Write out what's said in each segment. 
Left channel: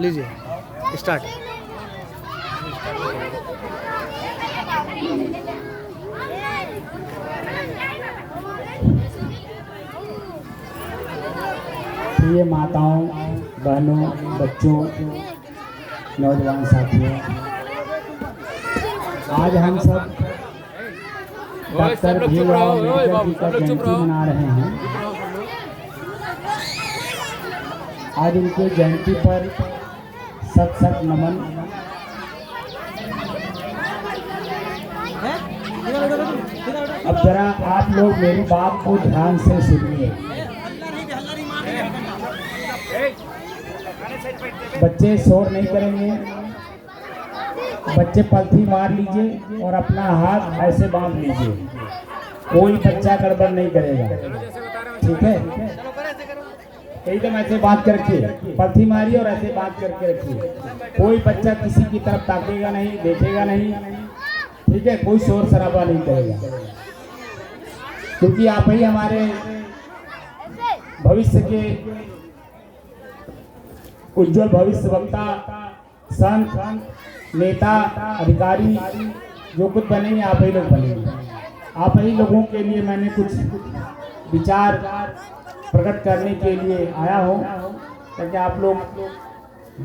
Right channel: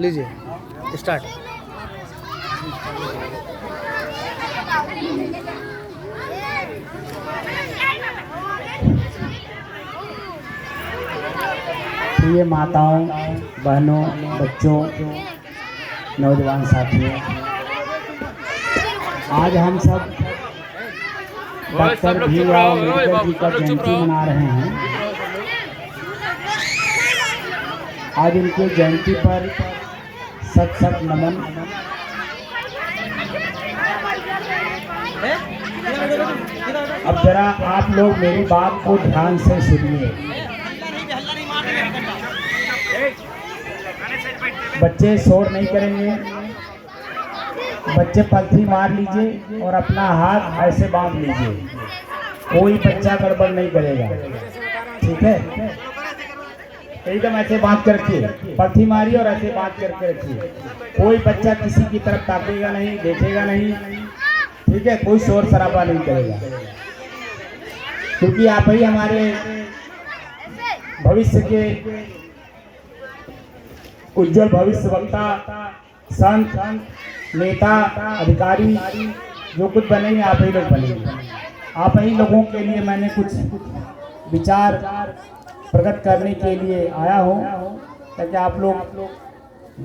लीजिए स्टार्ट। प्रिय माताओं, बहनों, बच्चों, नौजवान साथियों, आज हम सब डॉक्टर भीमराव अम्बेडकर जी का जयंती मना रहे हैं। आज इनके जयंती पर सत सत नमन। अब जरा आप लोग मेरी बात को ध्यान से सुनिए। बच्चे शोर नहीं करेंगे, बच्चे पलथी मार लीजिए और अपना हाथ ऐसे बांध लीजिए। कोई बच्चा गड़बड़ नहीं करेगा, ठीक है? एकदम ऐसे बांध कर रखिए, पलथी मारिए और ऐसे बांध करके रखिए। कोई बच्चा किसी की तरफ ताकेगा नहीं, देखेगा नहीं, ठीक है? कोई शोर शराबा नहीं करेगा, क्योंकि आप ही हमारे भविष्य के उज्जवल भविष्य वक्ता, संत, नेता, अधिकारी जो कुछ बनेंगे आप ही लोग बनेंगे। आप ही लोगों के लिए मैंने कुछ विचार प्रकट करने के लिए आया हूँ, ताकि आप लोग,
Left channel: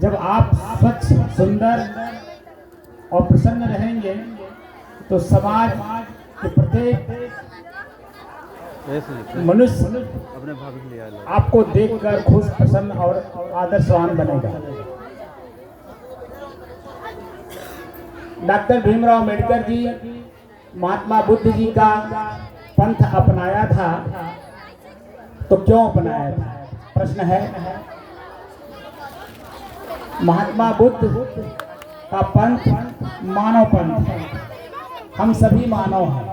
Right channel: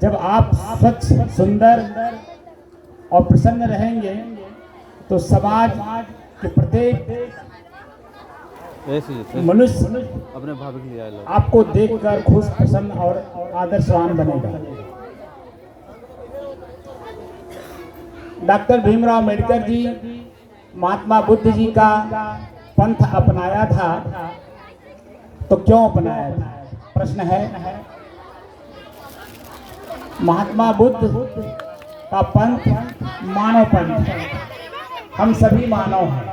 जब आप स्वच्छ, सुंदर और प्रसन्न रहेंगे तो समाज के प्रत्येक मनुष्य अपने भाभी के लिए आपको देखकर खुश, प्रसन्न और आदर्शवान बनेगा। डॉक्टर भीमराव अम्बेडकर जी महात्मा बुद्ध जी का पंथ अपनाया था, तो क्यों अपनाया था? प्रश्न है। महात्मा बुद्ध का पंथ मानव पंथ, हम सभी मानव हैं।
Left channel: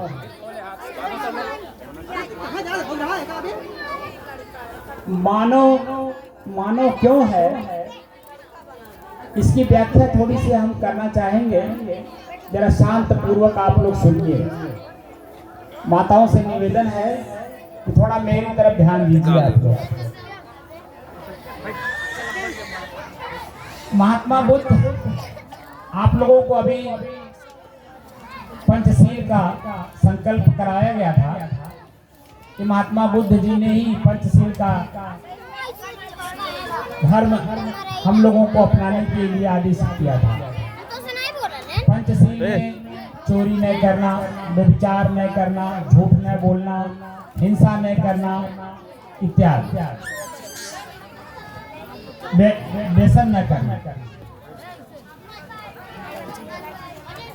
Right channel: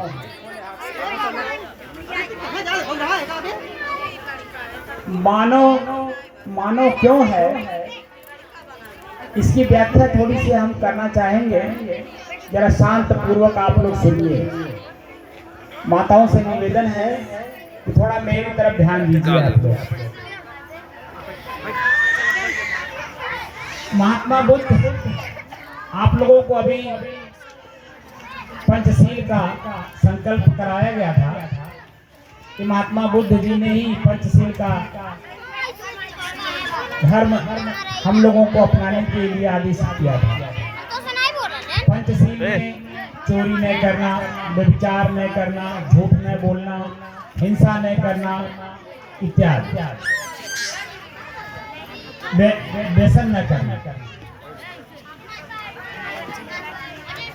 मानव क्यों है, इसकी व्याख्या थोड़ी सी हम करना चाहेंगे। जरा शांत पूर्वक आप लोग सुनिए। माताओं से निवेदन है कि थोड़ा मेरी तरफ ध्यान दीजिए। आप महात्मा बुद्ध, आप लोगों को अभी पंचशील का संकल्प कराया गया था कि महात्मा बुद्ध जी ने ही पंचशील का धर्म हम लोगों को अपनाने के लिए आदेश किया था। पंचशील में चोरी नहीं करना, व्यभिचार नहीं करना, झूठ नहीं बोलना, हिंसा नहीं करना इत्यादि, व्यसन न करना।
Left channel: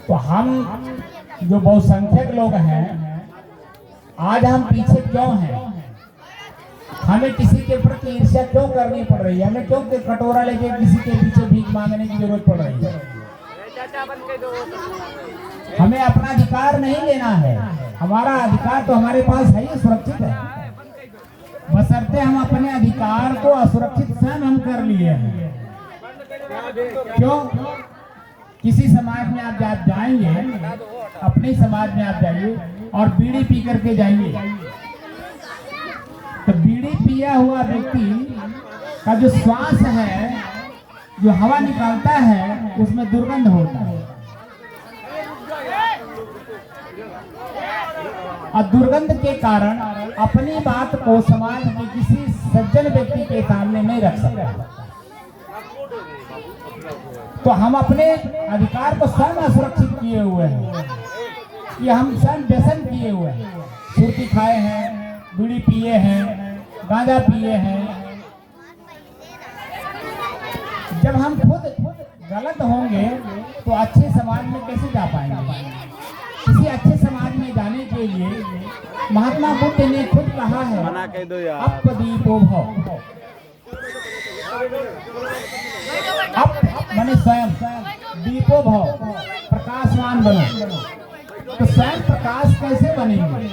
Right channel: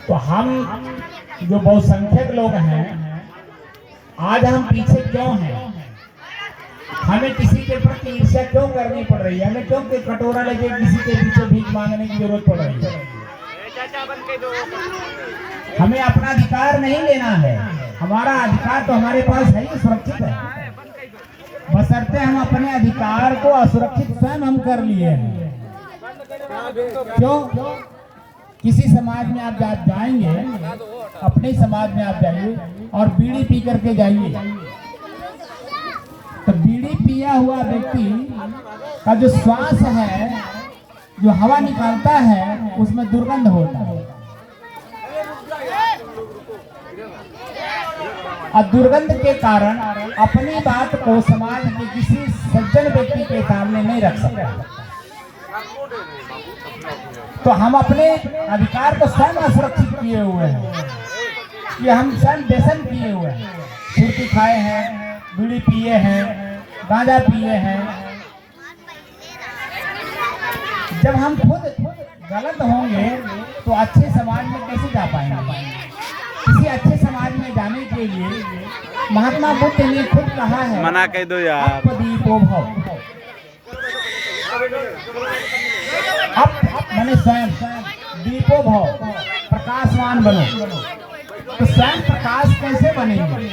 तो हम जो बहुसंख्यक लोग हैं, आज हम पीछे क्यों हैं? हमें किसी के प्रति ईर्ष्या क्यों करनी पड़ रही है? हमें क्यों कटोरा लेके किसी के पीछे भीख मांगने की जरूरत पड़ रही है? हमें अपना अधिकार नहीं लेना है। हमारा अधिकार तो हमारे पास है ही, सुरक्षित है, बशर्ते हम अपने अधिकार को असुरक्षित स्वयं हम कर लिए हैं। क्यों? किसी समाज में आप जाएंगे, अपने समाज में आप जाइए और बीड़ी पी करके जाइए, तो बीड़ी पिया हुआ व्यक्ति का जो श्वास है, जो हवा निकालता है, उसमें दुर्गंध होता है। और दुर्गंध के कारण अपनी बात को समाज के किसी सज्जन व्यक्ति के सामने नहीं रख सकता। तो हम अपने अधिकार को स्वयं असुरक्षित किए हुए हैं, कि हम स्वयं व्यसन किए हुए हैं, सुर्ती खाए हैं, बीड़ी पिए हैं, गांजा पिए हैं। जब हम खुद गलत होंगे तो अच्छे समाज में कैसे जा पाएंगे? किसी अच्छे समाज में जाने के लिए महात्मा बुद्ध ने खुद कहा है, मना कह दो यार, दीपो भव। अब मैंने स्वयं दीपो भव, प्रकाशवान बनो। तो स्वयं प्रकाश कैसे बनेंगे?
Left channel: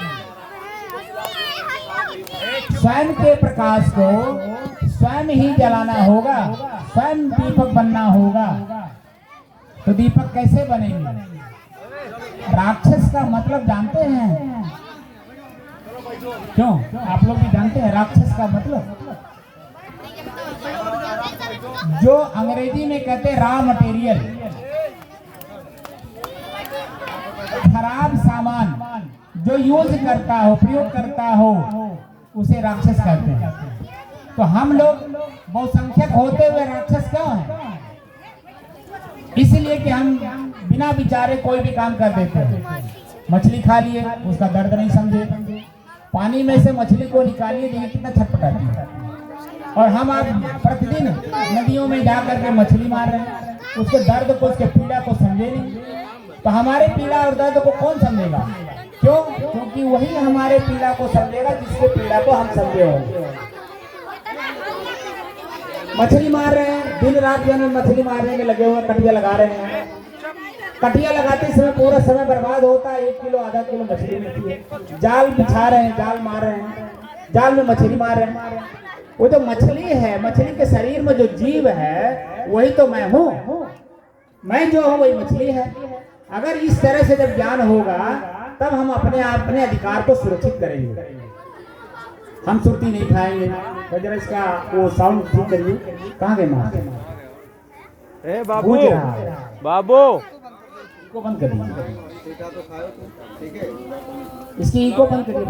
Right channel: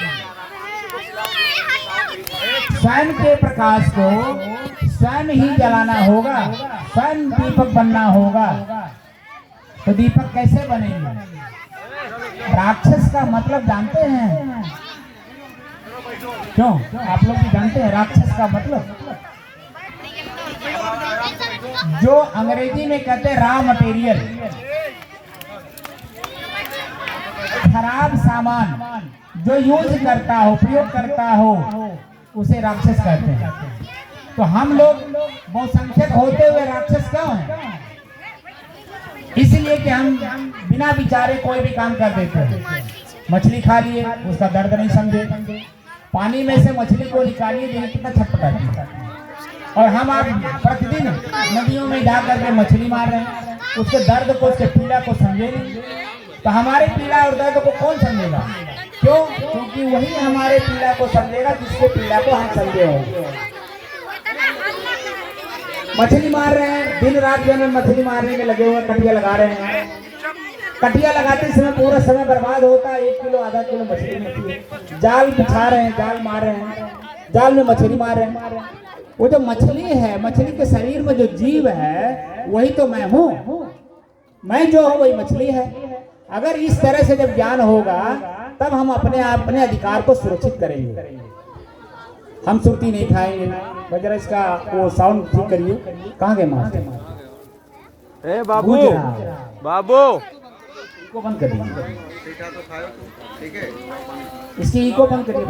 स्वयं के प्रकाश को स्वयं ही जलाना होगा, स्वयं दीपक बनना होगा। तो दीपक कैसे बनेंगे? राक्षस का मतलब जानते हैं? क्यों? आप लोग भी जानते हैं राक्षस का मतलब? जो अंग्रेजी में कहते हैं रॉ मटेरियल, खराब सामान जो यूज करता हो, प्रयोग करता हो, उसे राक्षस कहते हैं। तो हम लोग बहुसंख्यक होते हुए राक्षस क्यों हैं? इसलिए कि हम बिना विचारे कोई भी काम कर देते हैं। मछली खा लिए, उसका दर्द नहीं समझे, पानी में से मछली को निकालिए, देखिए कितना छटपटाती है। और हम आप प्रतिदिन नदियों में जा करके मछली मार रहे हैं, उसके दर्द को, उसके पीड़ा को समझे नहीं। तो हमारे पीड़ा और दर्द को कौन समझेगा? क्यों? क्योंकि वही हमारे पीड़ा को समझेगा जिसके पीड़ा को हम समझे होंगे। मछली मार रहे हैं, दिन रात जो है मछली मारने में लगे हुए, कटिया लगा रहे हैं। कटिया लगाते समय पूरा समय बर्बाद होता है, 1 किलो आधा किलो मछली मिलती है। जाल बिछा रहे हैं, जाल मार रहे हैं, जाल में मछली मार रहे हैं। वो जो मछली है, मछली के शरीर में जो जीव है वही तो मैं हूँ। मैं जो हूँ वही मछली है। अगर इस तरह से जब ज्ञान होगा तब हम अपने अधिकार को सुरक्षित करेंगे। हम सुरती नहीं खाएंगे। तो जरा इसका वो साउंड ठीक करिए। कहाँ गए मास्टर? ए बाबू, बाबू इको बंद कर दीजिए, इसकी इको बंद करिए।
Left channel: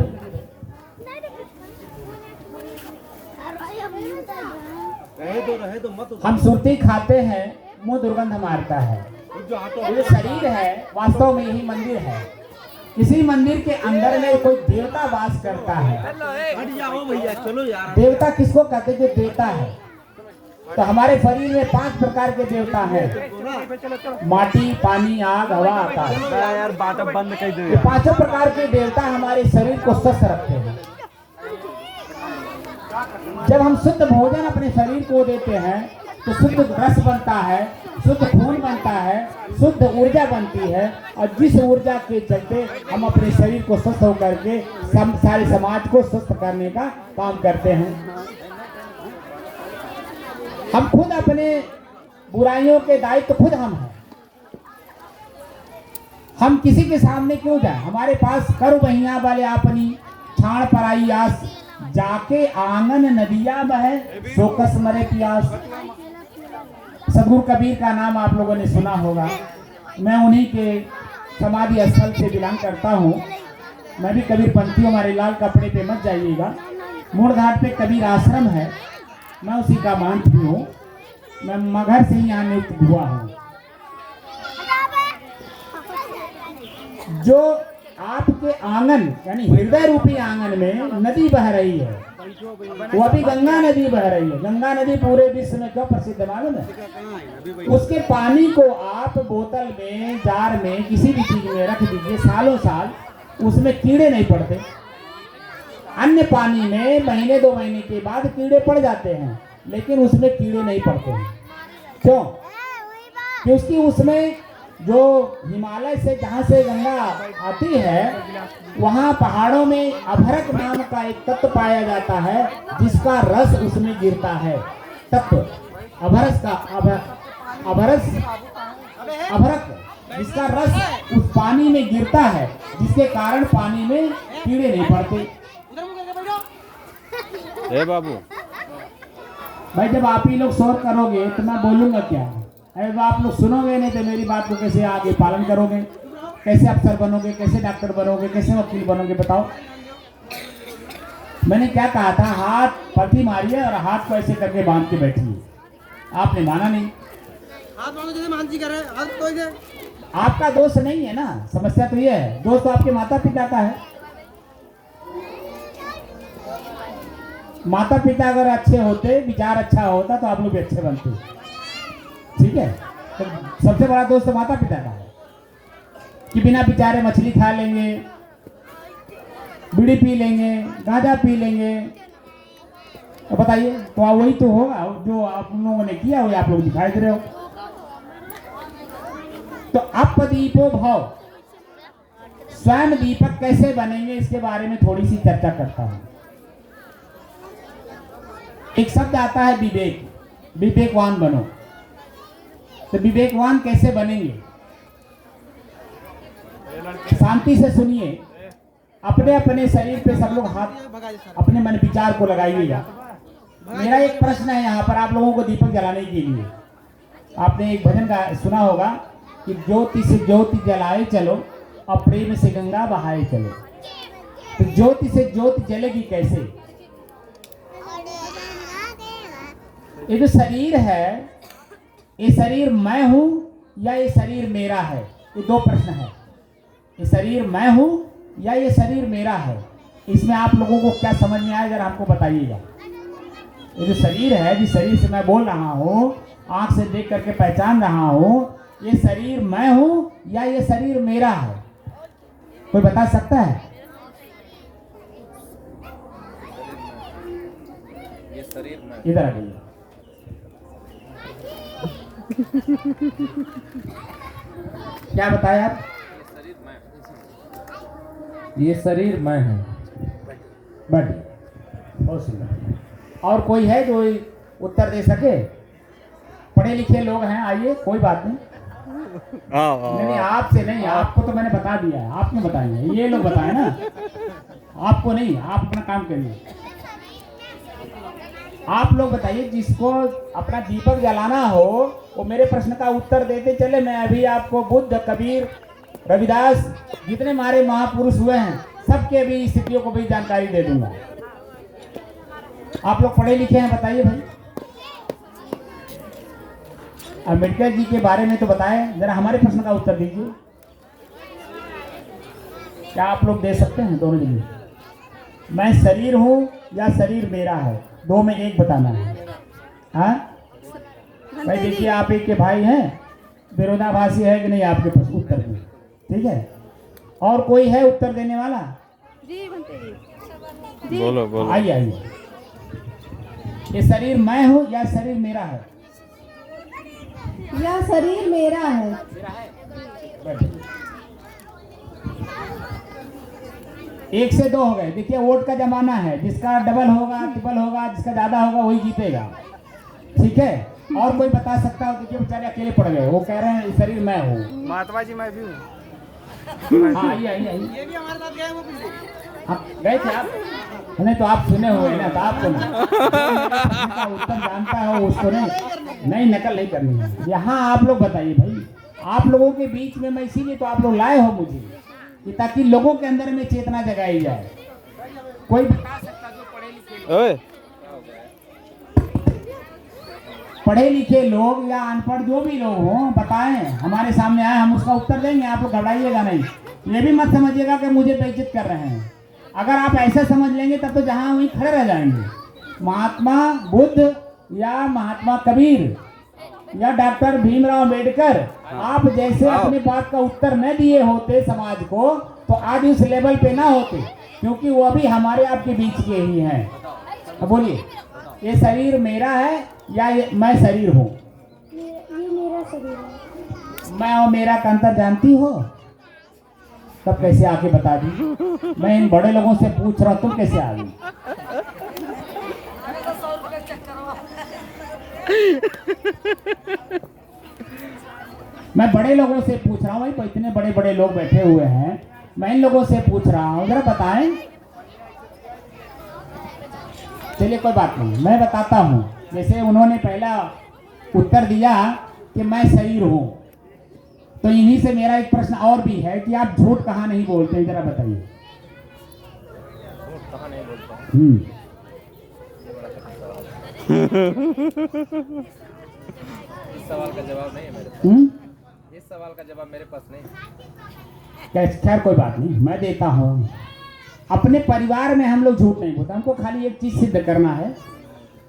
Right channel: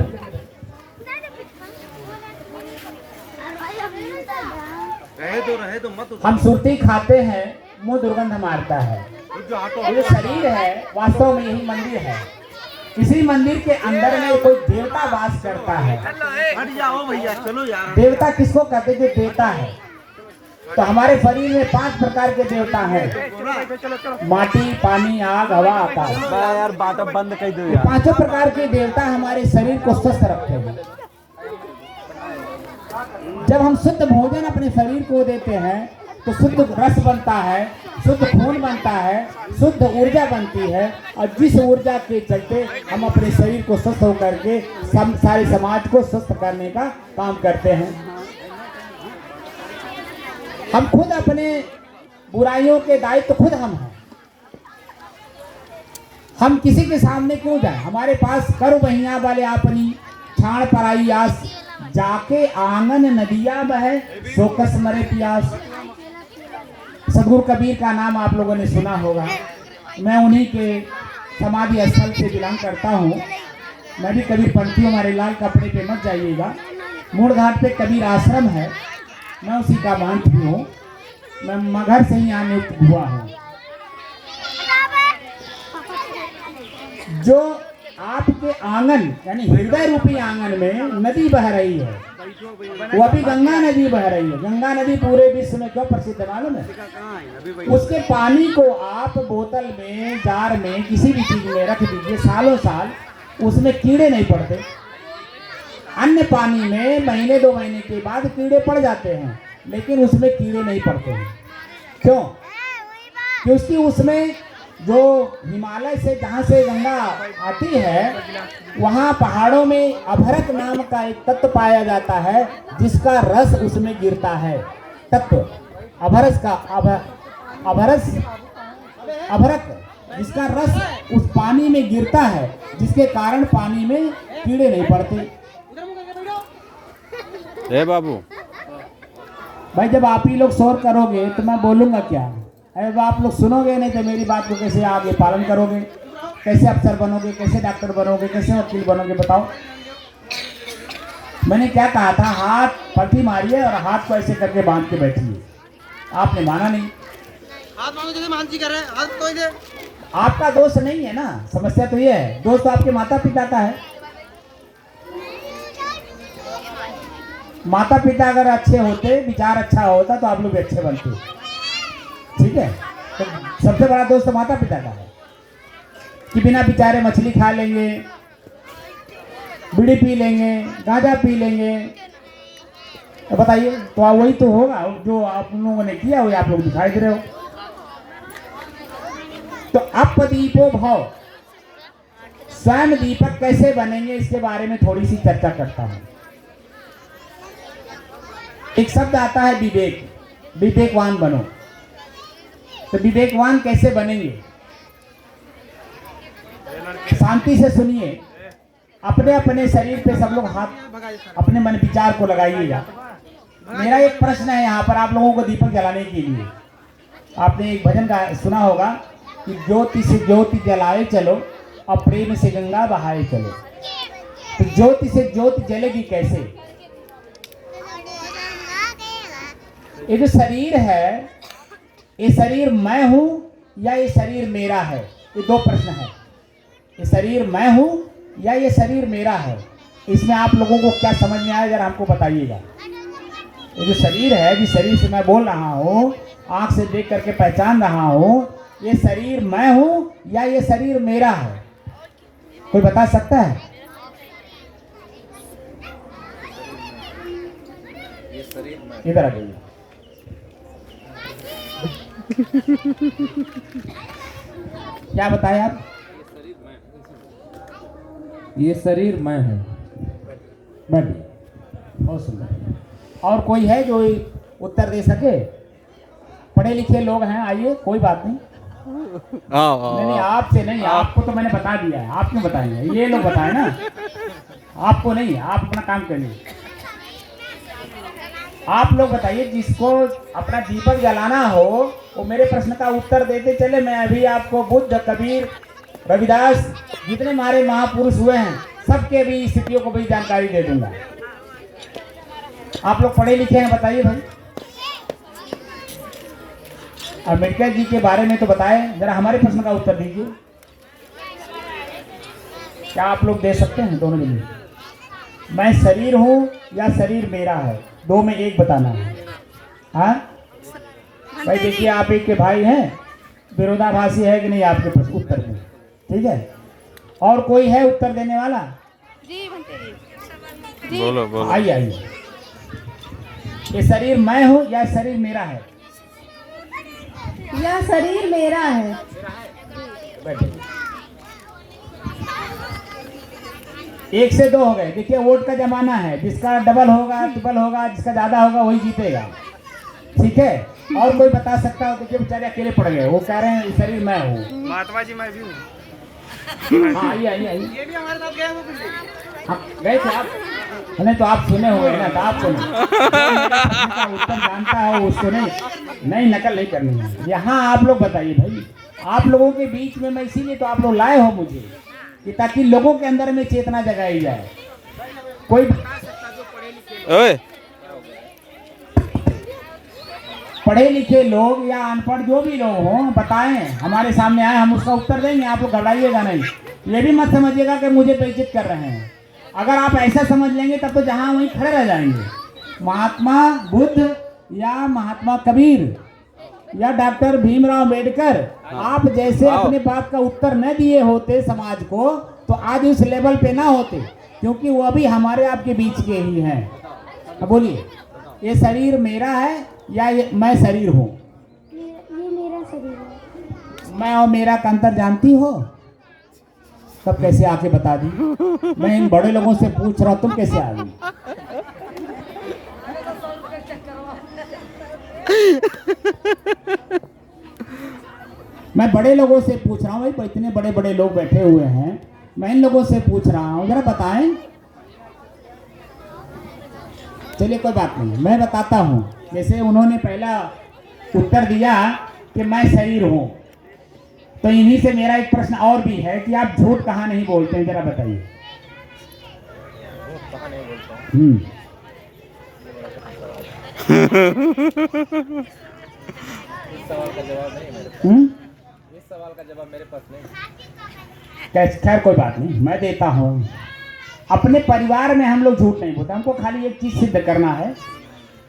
रहे दो मत। हम सुरती खाते हैं, मुंह दुर्गंध मारता है। ये शरीर है, वास्तव में यही मंदिर है। इसी मंदिर के अंदर में कोई देवता वास करता है। हट जाओ भैया, चलो यार। देवता किसको कहते हैं? जो देवता है। तो हमारे शरीर में 5 प्रकार के देवता हैं। माटी, पानी, आग, हवा, आकाश। यार बात अब बंद कर दो ये यार। 5 प्रकार के देवता हमारे शरीर को स्वस्थ रखते हैं। जब हम शुद्ध भोजन अपने शरीर को देते हैं तो शुद्ध रस बनता है, शुद्ध खून बनता है, शुद्ध ऊर्जा बनती है। और जिस ऊर्जा के चलते हम अपने शरीर को स्वस्थ होकर के सारे समाज को स्वस्थ करने का काम करते हैं। हम खुद अपने बुराइयों के दायित्व खुद हम हैं। हम किसी के सामने क्यों जाए? हमारे पास करो बहिया वाले अपनी छाड़ पराई आस, जाके आंगन नदिया बहे सो कस मरे प्यास। सदगुरु कबीर का नाम आप लोगों ने सुना होगा। मैं उन्हीं के समाधि स्थल से बिलोंग करता हूँ। मैं भी कबीर पंथी हूँ। हमारे लाल कपड़े पे मत जाइएगा। मूड़ घाट पे कबीर आश्रम है, मैं उसी का महंत भी हूँ। मैं मगहर से ही यहाँ नियुक्त हुआ हूँ। जो आपके आंगन यानी हृदय रूपी आंगन में नदी बह रही है, वो अभी गंगा नदी बह रही है। गंगा नदी पूरे विश्व में क्यों प्रसिद्ध है मालूम है? उसके पानी को आप बोतल में, जार में, किसी भी चीज में रख दीजिए, सालों साल उसमें कीड़े नहीं पड़ते। अन्य पानी में महीने 2 महीने के बाद कीड़े पड़ जाते हैं, लेकिन उसमें कीड़े नहीं पड़ते हैं। क्यों? क्योंकि उसमें जो हिमालय से जहाँ से गंगा आती है, वहाँ पहाड़ों में अभरक नाम का एक तत्व पाया जाता है, जिसका रस उसमें गिरता है। तत्व अभरस का अभरक, जिसका रस उस पानी में गिरता है, जिसके कारण पानी में कीड़े नहीं पड़ते। ए बाबू भाई, जब आप ही लोग शोर करोगे तो मैं बोलूंगा क्या? अगर आप लोग सुनोगे नहीं तो मेरी बात को कैसे आगे पालन करोगे? कैसे अफसर बनोगे? कैसे डॉक्टर बनोगे? कैसे वकील बनोगे? बताओ। मैंने क्या कहा था? हाथ पट्टी मारिए और हाथ को ऐसे करके बांध के बैठिए। आपने माना नहीं। आपका दोष नहीं है ना, समस्या तो ये है। दोष तो आपके माता पिता का है। माता पिता अगर अच्छे होते, विचार अच्छा होता, तो आप लोग भी अच्छे बनते। ठीक है? तो सबसे बड़ा दोस्त तो माता पिता का है कि बिना विचारे मछली खा लेंगे, बीड़ी पी लेंगे, गांजा पी लेंगे। तो बताइए, तो वही तो होगा जो आप लोगों ने किया, वही आप लोग दिखाई दे रहे हो। तो अपदीपो भव, स्वयं दीपक कैसे बनेंगे, इसके बारे में थोड़ी सी चर्चा करता हूं। एक शब्द आता है विवेक, विवेकवान बनो। तो विवेकवान कैसे बनेंगे? शांति से सुनिए। अपने अपने शरीर पे सब लोग हाथ अपने मन विचार को लगाइएगा। मेरा एक प्रश्न है यहाँ पर आप लोगों को दीपक जलाने के लिए। आपने एक भजन का सुना होगा कि ज्योति से ज्योति जलाए चलो और प्रेम से गंगा बहाए चलो। तो ज्योति से ज्योति जलेगी कैसे? ये जो शरीर है, ये शरीर मैं हूं या ये शरीर मेरा है? ये दो प्रश्न है। ये शरीर मैं हूं या ये शरीर मेरा है? इसमें आप लोगों को क्या समझ में आया, जरा हमको बताइएगा। ये जो शरीर है, जिस शरीर से मैं बोल रहा हूँ, आंख से देख करके पहचान रहा हूँ, ये शरीर मैं हूँ या ये शरीर मेरा है? कोई बता सकता है? ये शरीर में इधर आ जाइए। क्या बताएं आप? ये शरीर मैं हूँ। बैठिए, बहुत सुंदर। और कोई है जो उत्तर दे सके? पढ़े लिखे लोग हैं, आइए, कोई बात नहीं। नहीं, आपसे नहीं, आपको तो मैंने बता दिया है, आप क्यों बताएंगे? ये लोग बताएं ना, आपको नहीं, आप अपना काम करिए। आप लोग बताइए, जिसको अपना दीपक जलाना हो वो मेरे प्रश्न का उत्तर देते चले। मैं अभी आपको बुद्ध, कबीर, रविदास, जितने हमारे महापुरुष हुए हैं, सबके भी स्थितियों को भी जानकारी दे दूंगा। आप लोग पढ़े लिखे हैं, बताइए भाई। अम्बेडकर जी के बारे में तो बताए, जरा हमारे प्रश्न का उत्तर दीजिए। क्या आप लोग दे सकते हैं? दोनों लिए मैं शरीर हूं या शरीर मेरा है? दो में एक बताना है। हाँ भाई, देखिए आप एक के भाई हैं, विरोधाभासी है कि नहीं आपके पास उत्तर में? ठीक है, और कोई है उत्तर देने वाला? जी बनते जी। बोलो बोलो। आइए आइए। ये शरीर मैं हूं या शरीर मेरा है? यह शरीर मेरा है। बैठिए। एक से दो हो गए। देखिए वोट का जमाना है, जिसका डबल होगा, ट्रिपल होगा, जिसका ज्यादा होगा वही जीतेगा। ठीक है, और कोई बता सकता है? देखिए बेचारे अकेले पड़ गए, वो कह रहे हैं शरीर मैं हूँ। महात्मा जी मैं भी हूँ। हाँ, आइए आइए आइए। ये भी हमारे साथ गए वो पिछले। आप गए थे आप? नहीं तो आप सुने होंगे ना, तो आप सुने। उत्तर जानता है उसको नहीं नकल नहीं करनी है। यहाँ आप लोग बताइए भाई, आप लोगों के बीच में मैं इसीलिए तो आप लोग लाए हो मुझे, कि ताकि लोगों के अंदर में चेतना जगाई जाए। कोई बता सकता जो पढ़े लिखे लोग या अनपढ़ जो भी लोग हों, बताएं, हमारे सामने आए, हम उसका उत्तर देंगे। आप लोग घबराइएगा नहीं, ये भी मत समझिएगा कि मुझे बेइज्जत कर रहे हैं। अगर आप ऐसा समझ लेंगे तब तो जहां वहीं खड़े रह जाएंगे। महात्मा बुद्ध या महात्मा कबीर या डॉक्टर भीमराव अम्बेडकर, आप जैसे अपनी बात का उत्तर न दिए होते समाज को, तो आज उस लेवल पे ना होते, क्योंकि वो भी हमारे आपके बीच के ही हैं। अब बोलिए, ये शरीर मेरा है या मैं शरीर हूँ? ये मेरा शरीर है। मैं और मेरा का अंतर जानती हो? तब कैसे आके बता दी? मैं इन बड़े लोगों से पूछ रहा हूं, तुम कैसे आ गई? मैं बड़े लोगों से पूछ रहा हूँ, भाई इतने बड़े बड़े लोग बैठे हुए हैं, मैं इन लोगों से पूछ रहा हूँ, जरा बताएं। चलिए कोई बात नहीं, मैं बताता हूँ। जैसे उन्होंने पहला उत्तर दिया कि मैं शरीर हूँ, तो इन्हीं से मेरा एक प्रश्न और भी है कि आप झूठ कहाँ नहीं बोलते, जरा बताइए। इस सवाल का जवाब नहीं है मेरे पास। इस सवाल का जवाब मेरे पास नहीं। खैर कोई बात नहीं, मैं देता हूँ। अपने परिवार में हम लोग झूठ नहीं बोलते, हमको खाली एक चीज सिद्ध करना है,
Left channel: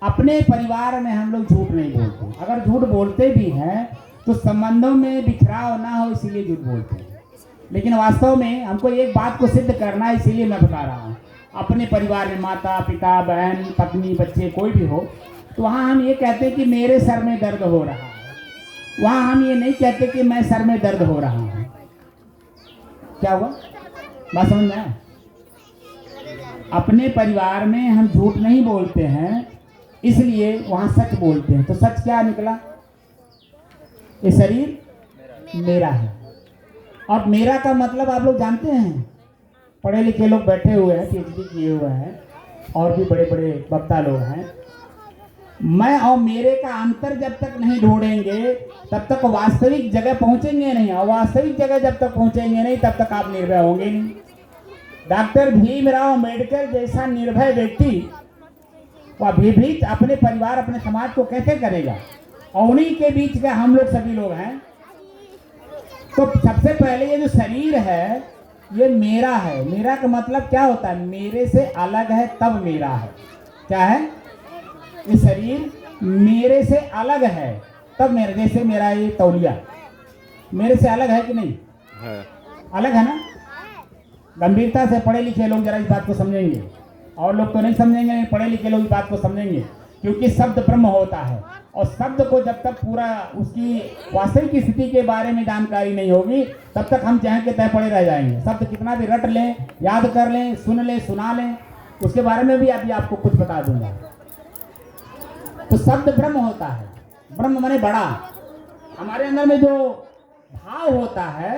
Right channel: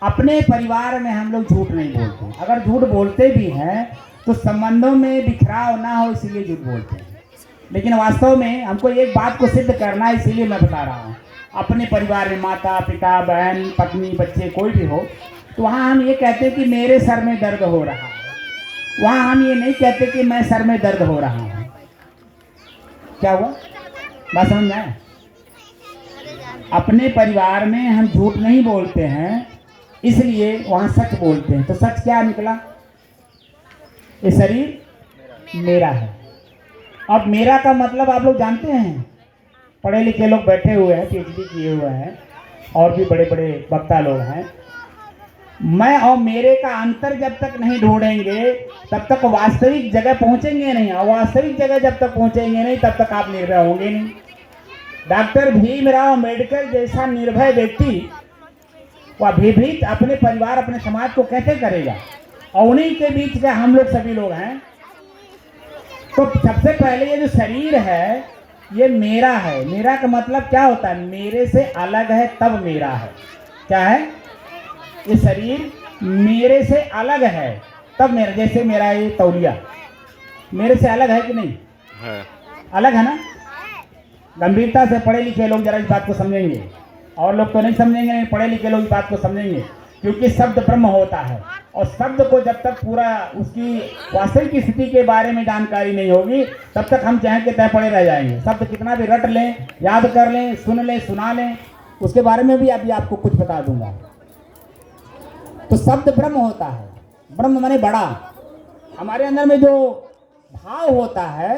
अपने परिवार में हम लोग झूठ नहीं बोलते। अगर झूठ बोलते भी हैं तो संबंधों में बिखराव ना हो, इसीलिए झूठ बोलते हैं। लेकिन वास्तव में हमको एक बात को सिद्ध करना है, इसीलिए मैं बता रहा हूँ। अपने परिवार में माता पिता बहन पत्नी बच्चे कोई भी हो, तो वहाँ हम ये कहते हैं कि मेरे सर में दर्द हो रहा है, वहाँ हम ये नहीं कहते कि मैं सर में दर्द हो रहा हूँ। क्या हुआ, बात समझ में आया? अपने परिवार में हम झूठ नहीं बोलते हैं, इसलिए वहाँ सच बोलते हैं। तो सच क्या निकला? ये शरीर मेरा है। अब मेरा का मतलब आप लोग जानते हैं, पढ़े लिखे लोग बैठे हुए हैं, पीएचडी किए हुए हैं, और भी बड़े बड़े वक्ता लोग हैं। मैं और मेरे का अंतर जब तक नहीं ढूंढेंगे तब तक वास्तविक जगह पहुंचेंगे नहीं, और वास्तविक जगह जब तक पहुंचेंगे नहीं तब तक आप निर्भय होंगे नहीं। डॉक्टर भीमराव अम्बेडकर जैसा निर्भय व्यक्ति वह भयभीत अपने परिवार अपने समाज को कैसे करेगा, और उन्हीं के बीच का हम लोग सभी लोग हैं। तो सबसे पहले ये जो शरीर है ये मेरा है। मेरा का मतलब क्या होता है? मेरे से अलग है तब मेरा है। क्या है? ये शरीर मेरे से अलग है तब मेरा। जैसे मेरा ये तौलिया मेरे से अलग है कि नहीं है? अलग है ना। गंभीरता से पढ़े लिखे लोग जरा इस बात को समझेंगे, और लोग तो नहीं समझेंगे, नहीं पढ़े लिखे लोग इस बात को समझेंगे, क्योंकि शब्द ब्रह्म होता है, और शब्द को जब तक पूरा उसकी वास्तविक स्थिति के बारे में जानकारी नहीं होगी तब तक हम चाहे के तय पड़े रह जाएंगे। शब्द कितना भी रट लें, याद कर लें, सुन लें, सुना लें, उसके बारे में भी अभी आपको कुछ बता दूंगा। तो शब्द ब्रह्म होता है। ब्रह्म माने बड़ा। हमारे अंदर में जो भाव होता है